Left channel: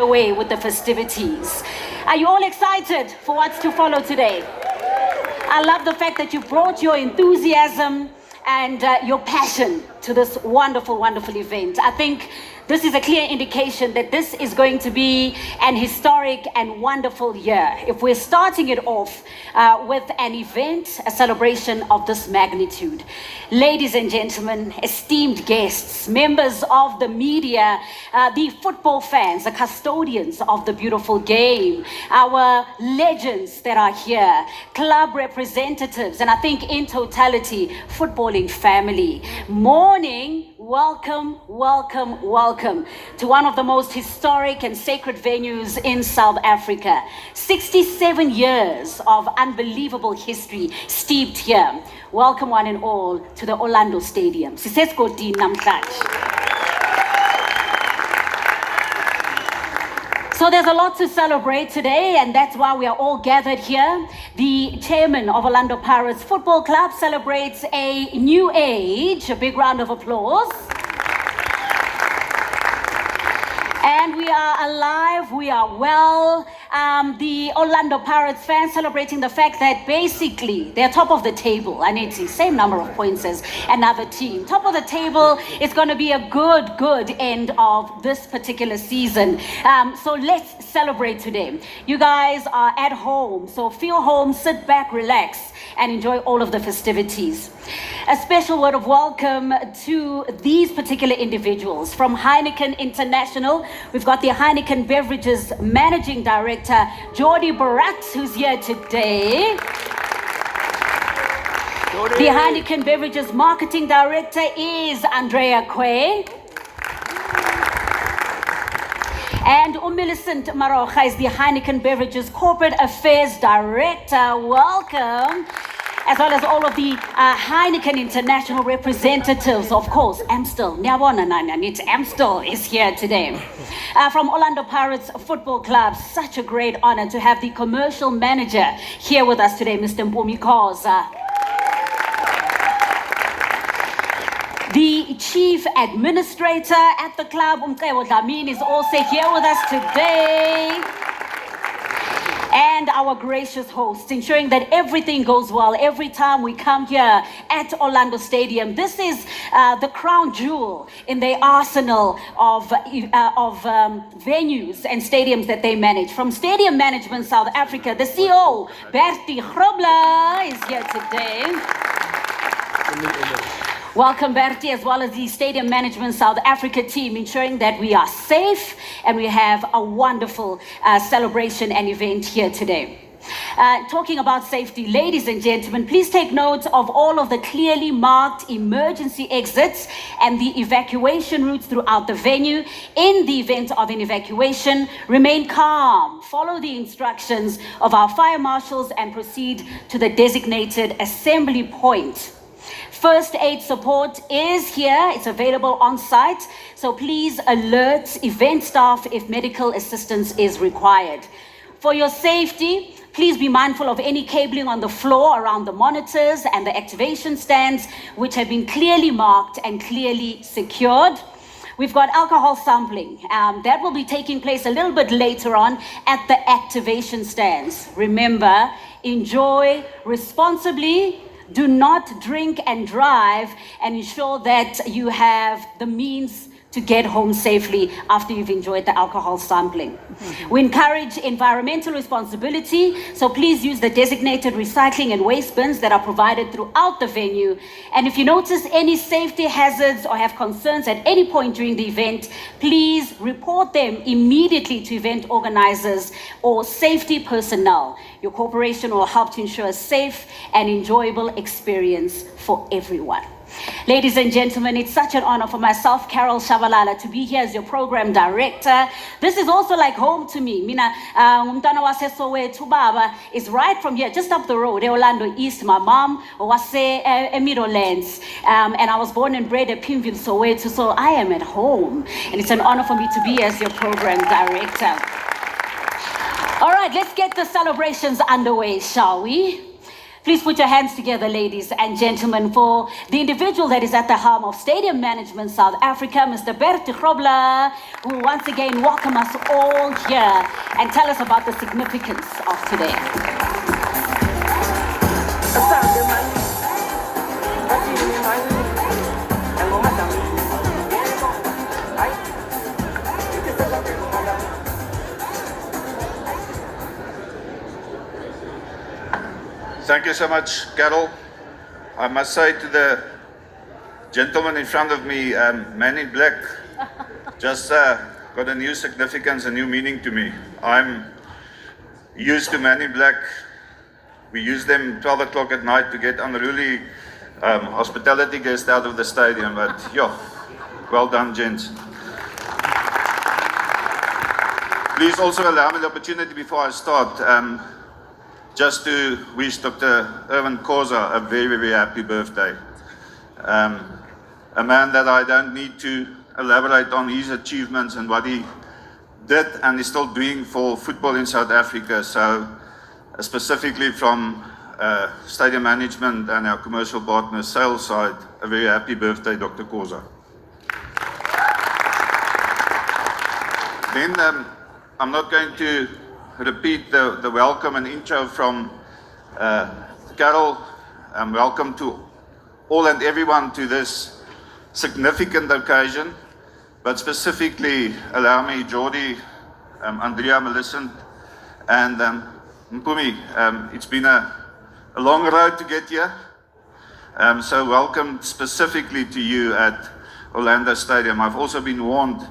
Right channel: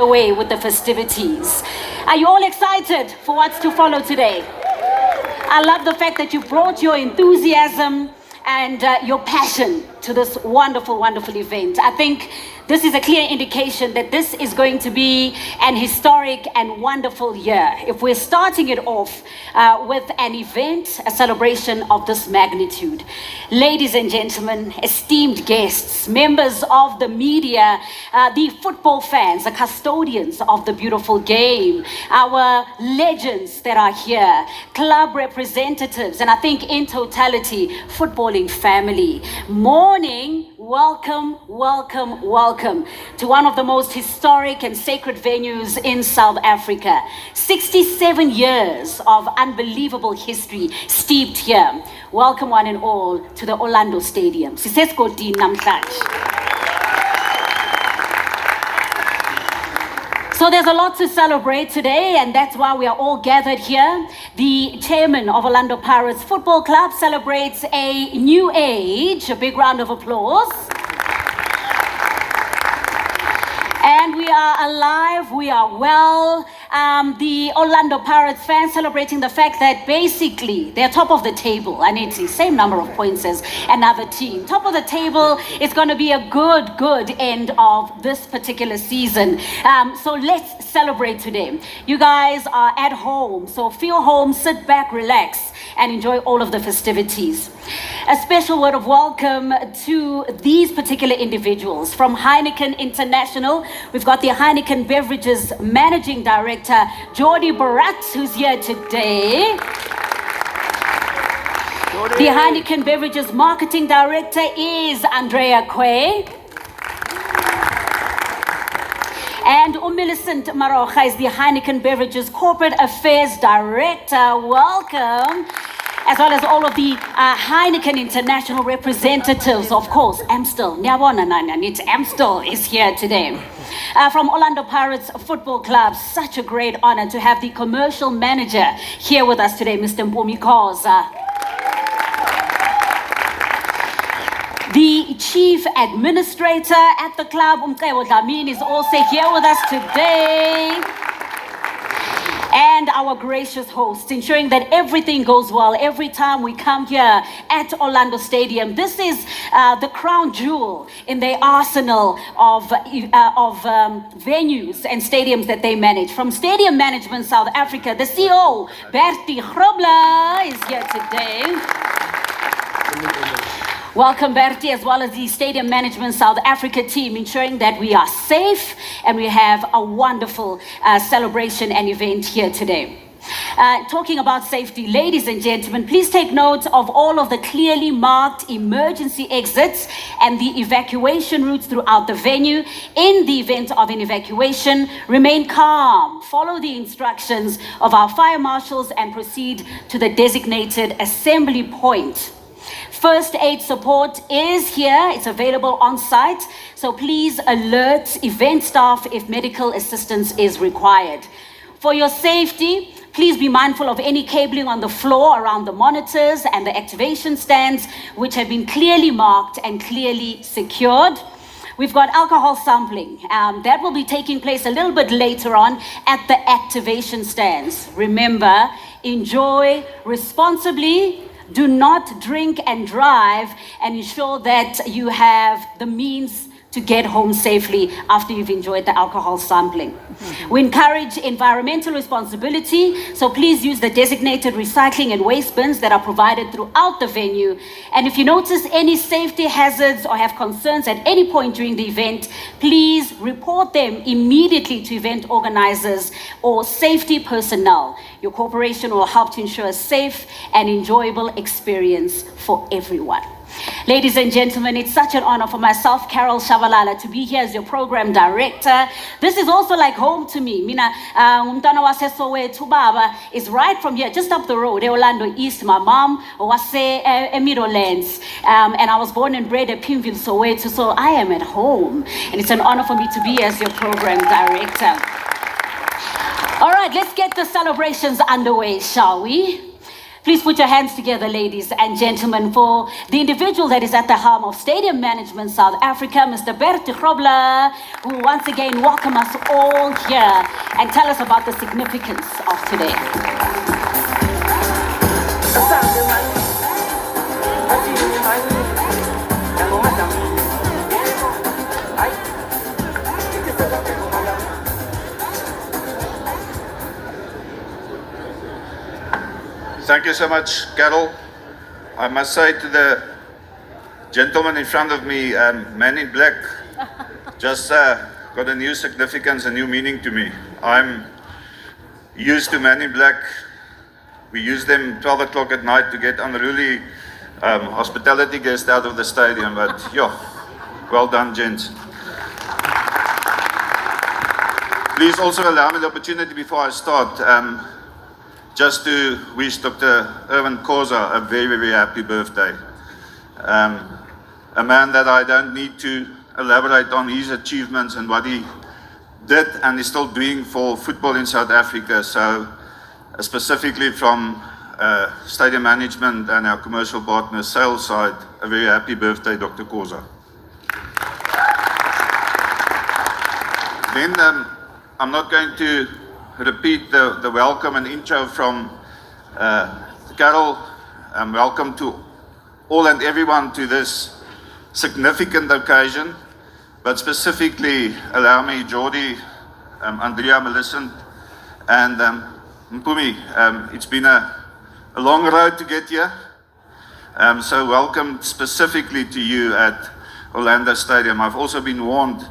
away with the festivities. Are you all excited for what's to follow today? I love the fact that you brought your enthusiasm and your passion to this wonderful, wonderful event. I think this is a clear indication that this is going to be an historic and wonderful year. If we're starting it off with an event, a celebration of this magnitude. Ladies and gentlemen, esteemed guests, members of the media, the football fans, the custodians of the beautiful game, our legends that are here, club representatives, and I think in totality, footballing family. Morning. Welcome, welcome, welcome to one of the most historic and sacred venues in South Africa. 67 years of unbelievable history steeped here. Welcome one and all to the Orlando Stadium. Sisesigodini namhlanje. So there's a lot to celebrate today, and that's why we are all gathered here. The chairman of Orlando Pirates Football Club celebrates a new age. A big round of applause. And we are alive, we are well. The Orlando Pirates fans celebrating the fact that basically they're top of the table. I need to see, same number of points as another team. Top of the table, it's going to be a good end of this particular season. So let's celebrate today. You guys are at home, so feel home, sit back, relax, and enjoy all of the festivities. A special word of welcome to these particular individuals. From Heineken International, we've got the Heineken Beverages Managing Director, Jordi Barat, who's here today. Jordi. The Heineken Beverages Marketing Director is Andrea Quay. And Millicent Maroja is the Heineken Beverages Corporate Affairs Director. Welcome. As well as all of the Heineken International representatives, of course. Amstel is here today. From Orlando Pirates Football Club, such a great honor to have the commercial manager here with us today, Mr. Mpumi Khoza. The chief administrator at the club, Umcebo Dlamini, is also here with us today. And our gracious host, ensuring that everything goes well every time we come here at Orlando Stadium. This is the crown jewel in the arsenal of venues and stadiums that they manage. From Stadium Management South Africa, the CEO, Bertie Grobler, is here today. Welcome, Bertie, as well as the Stadium Management South Africa team, ensuring that we are safe and we have a wonderful celebration and event here today. Talking about safety, ladies and gentlemen, please take note of all of the clearly marked emergency exits and the evacuation routes throughout the venue. In the event of an evacuation, remain calm, follow the instructions of our fire marshals and proceed to the designated assembly point. First aid support is here. It's available on site. So please alert event staff if medical assistance is required. For your safety, please be mindful of any cabling on the floor around the monitors and the activation stands, which have been clearly marked and clearly secured. We've got alcohol sampling. That will be taking place a little bit later on at the activation stands. Remember, enjoy responsibly. Do not drink and drive, and ensure that you have the means to get home safely after you've enjoyed the alcohol sampling. Mm-hmm. We encourage environmental responsibility, so please use the designated recycling and waste bins that are provided throughout the venue. And if you notice any safety hazards or have concerns at any point during the event, please report them immediately to event organizers or safety personnel. Your corporation will help to ensure a safe and enjoyable experience for everyone. Ladies and gentlemen, it's such an honor for myself, Carol Shabalala, to be here as your program director. This is also like home to me. Mina, umntwana wase Soweto baba is right from here, just up the road, Orlando East. My mom was Meadowlands, and I was born and bred at Pimville, Soweto, so I am at home. And it's an honor for me to be as your program director. All right, let's get the celebrations underway, shall we? Please put your hands together, ladies and gentlemen, for the individual that is at the helm of Stadium Management South Africa, Mr. Bert Grobler, who once again welcome us all here and tell us about the significance of today. Thank you so much, Carol. I must say to the gentleman in front of me, Man in Black just got a new significance, a new meaning to me. I'm used to Man in Black. We use them 12 o'clock at night to get unruly hospitality guests out of the stadium, but yeah, well done, gents. Please also allow me the opportunity before I start just to wish Dr. Irvin Khoza a very, very happy birthday. A man that I don't need to elaborate on his achievements and what he did and is still doing for football in South Africa. So specifically from stadium management and our commercial partner sales side, a very happy birthday, Dr. Khoza. Then I'm not going to repeat the welcome and intro from Carol. Welcome to all and everyone to this significant occasion, but specifically allow me, Jordi, Andrea, Millicent, and Mpumi. It's been a long road to get here, so welcome specifically to you at Orlando Stadium. I've also been warned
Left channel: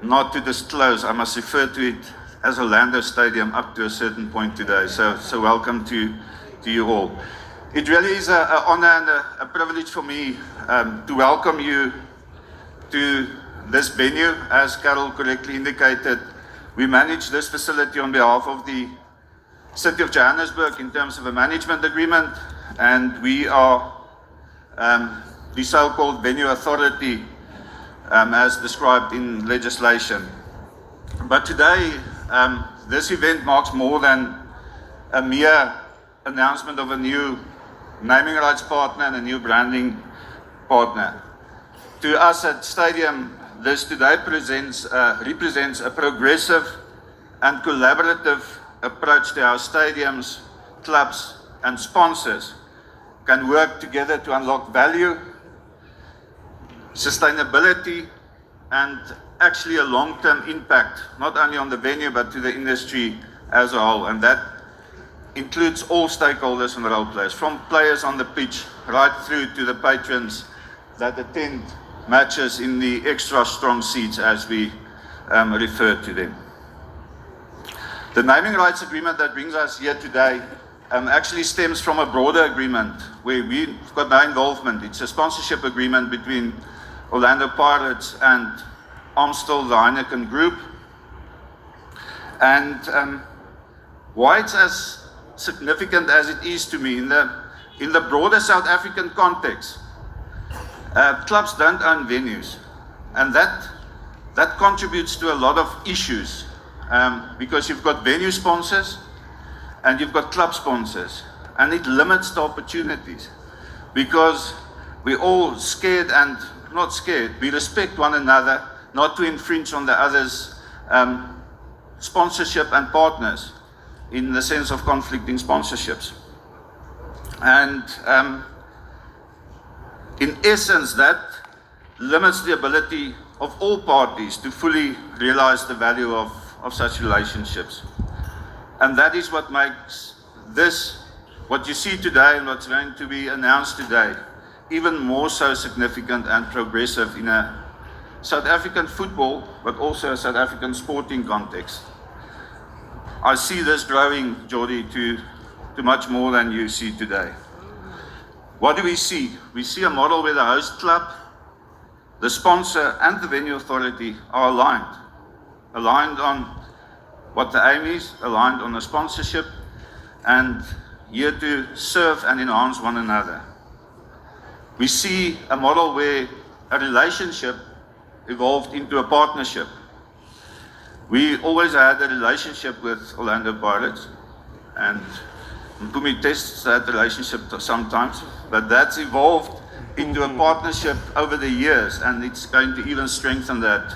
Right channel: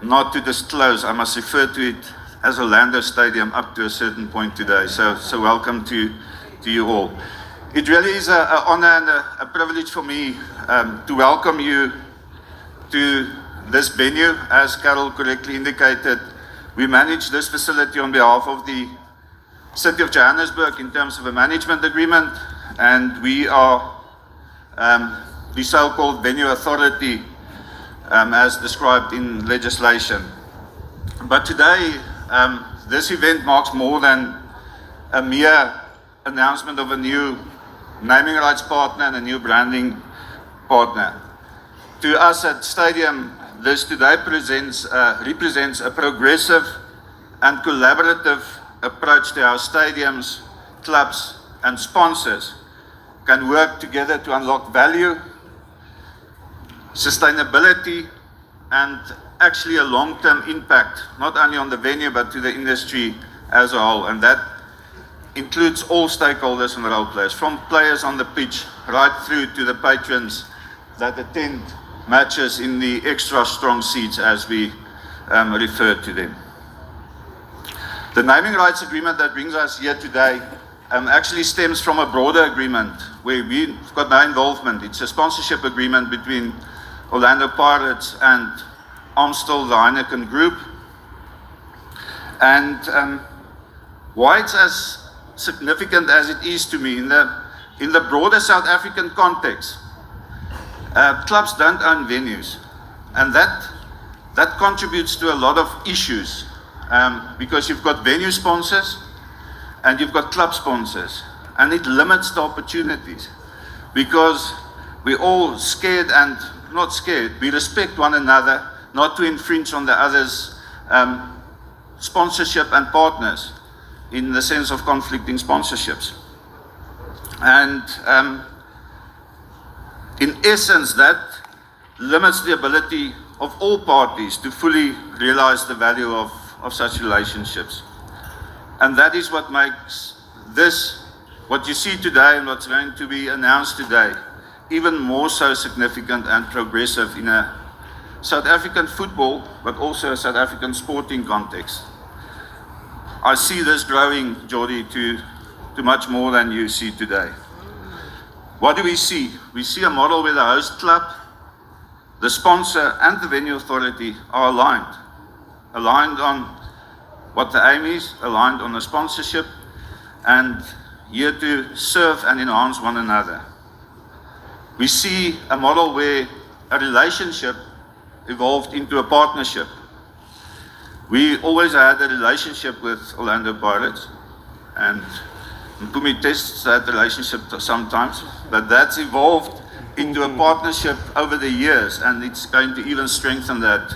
not to disclose. I must refer to it as Orlando Stadium up to a certain point today. So welcome to you all. It really is an honor and a privilege for me to welcome you to this venue. As Carol correctly indicated, we manage this facility on behalf of the City of Johannesburg in terms of a management agreement, and we are the so-called venue authority as described in legislation. But today, this event marks more than a mere announcement of a new naming rights partner and a new branding partner. To us at Stadium, this today represents a progressive and collaborative approach to how stadiums, clubs and sponsors can work together to unlock value, sustainability and actually a long-term impact, not only on the venue, but to the industry as a whole. And that includes all stakeholders and role players, from players on the pitch, right through to the patrons that attend matches in the extra strong seats, as we refer to them. The naming rights agreement that brings us here today actually stems from a broader agreement where we've got no involvement. It's a sponsorship agreement between Orlando Pirates and Amstel, the Heineken Group. And why it's as significant as it is to me, in the broader South African context, clubs don't own venues, and that contributes to a lot of issues, because you've got venue sponsors and you've got club sponsors, and it limits the opportunities because we're all scared and not scared. We respect one another, not to infringe on the other's sponsorship and partners in the sense of conflicting sponsorships. And in essence, that limits the ability of all parties to fully realize the value of such relationships. And that is what makes this, what you see today and what's going to be announced today, even more so significant and progressive in a South African football, but also a South African sporting context. I see this growing, Jordi, to much more than you see today. What do we see? We see a model where the host club, the sponsor, and the venue authority are aligned on what the aim is, aligned on the sponsorship, and here to serve and enhance one another. We see a model where a relationship evolved into a partnership. We always had a relationship with Orlando Pirates, and Mpumi tests that relationship sometimes, but that's evolved into a partnership over the years, and it's going to even strengthen that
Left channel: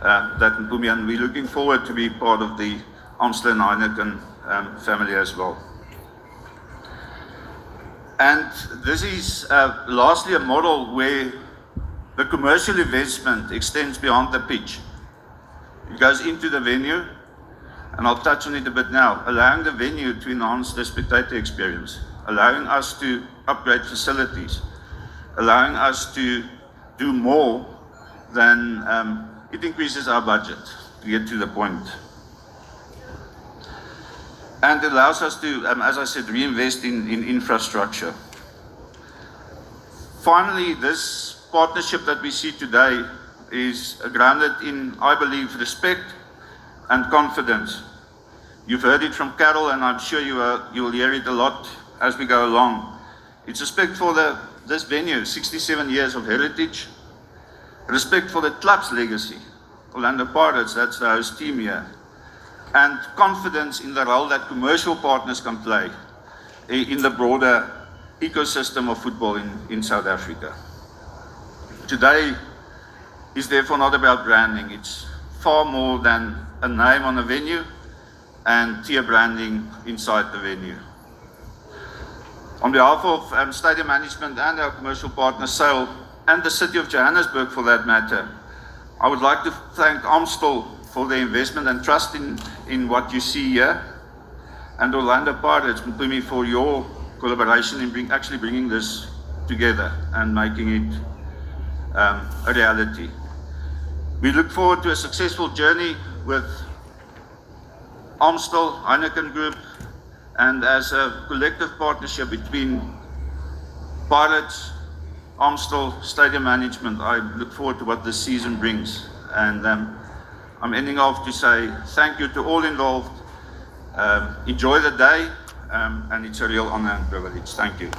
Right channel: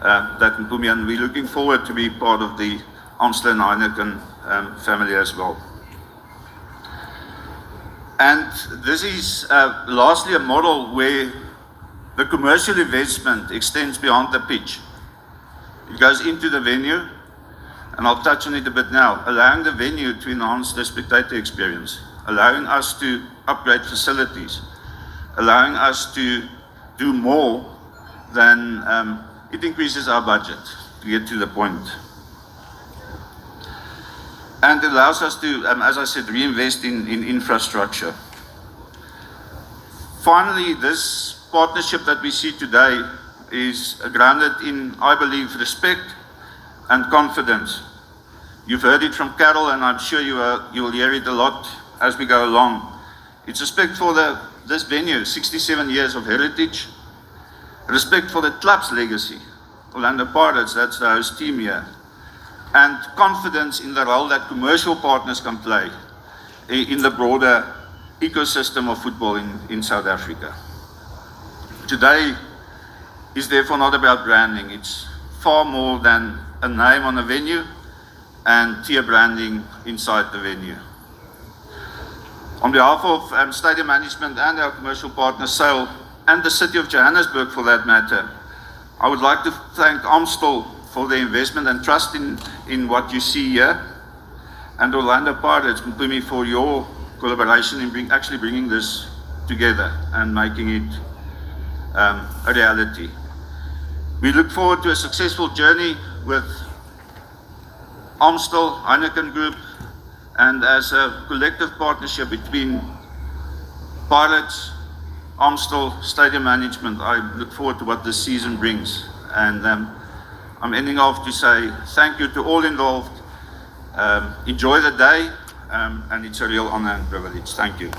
Mpumi, and we're looking forward to be part of the Amstel and Heineken family as well. And this is lastly a model where the commercial investment extends beyond the pitch. It goes into the venue, and I'll touch on it a bit now, allowing the venue to enhance the spectator experience, allowing us to upgrade facilities, allowing us to do more than it increases our budget to get to the point. And it allows us to, as I said, reinvest in infrastructure. Finally, this partnership that we see today is grounded in, I believe, respect and confidence. You've heard it from Carol, and I'm sure you'll hear it a lot as we go along. It's respect for this venue, 67 years of heritage, respect for the club's legacy, Orlando Pirates, that's the host team here, and confidence in the role that commercial partners can play in the broader ecosystem of football in South Africa. Today is therefore not about branding. It's far more than a name on a venue and tier branding inside the venue. On behalf of stadium management and our commercial partner SAIL, and the City of Johannesburg for that matter, I would like to thank Amstel for their investment and trust in what you see here, and Orlando Pirates, Mpumi, for your collaboration in actually bringing this together and making it a reality. We look forward to a successful journey with Amstel, Heineken Group, and as a collective partnership between Pirates, Amstel, Stadium Management. I look forward to what this season brings. And I'm ending off to say thank you to all involved. Enjoy the day, and it's a real honor and privilege. Thank you.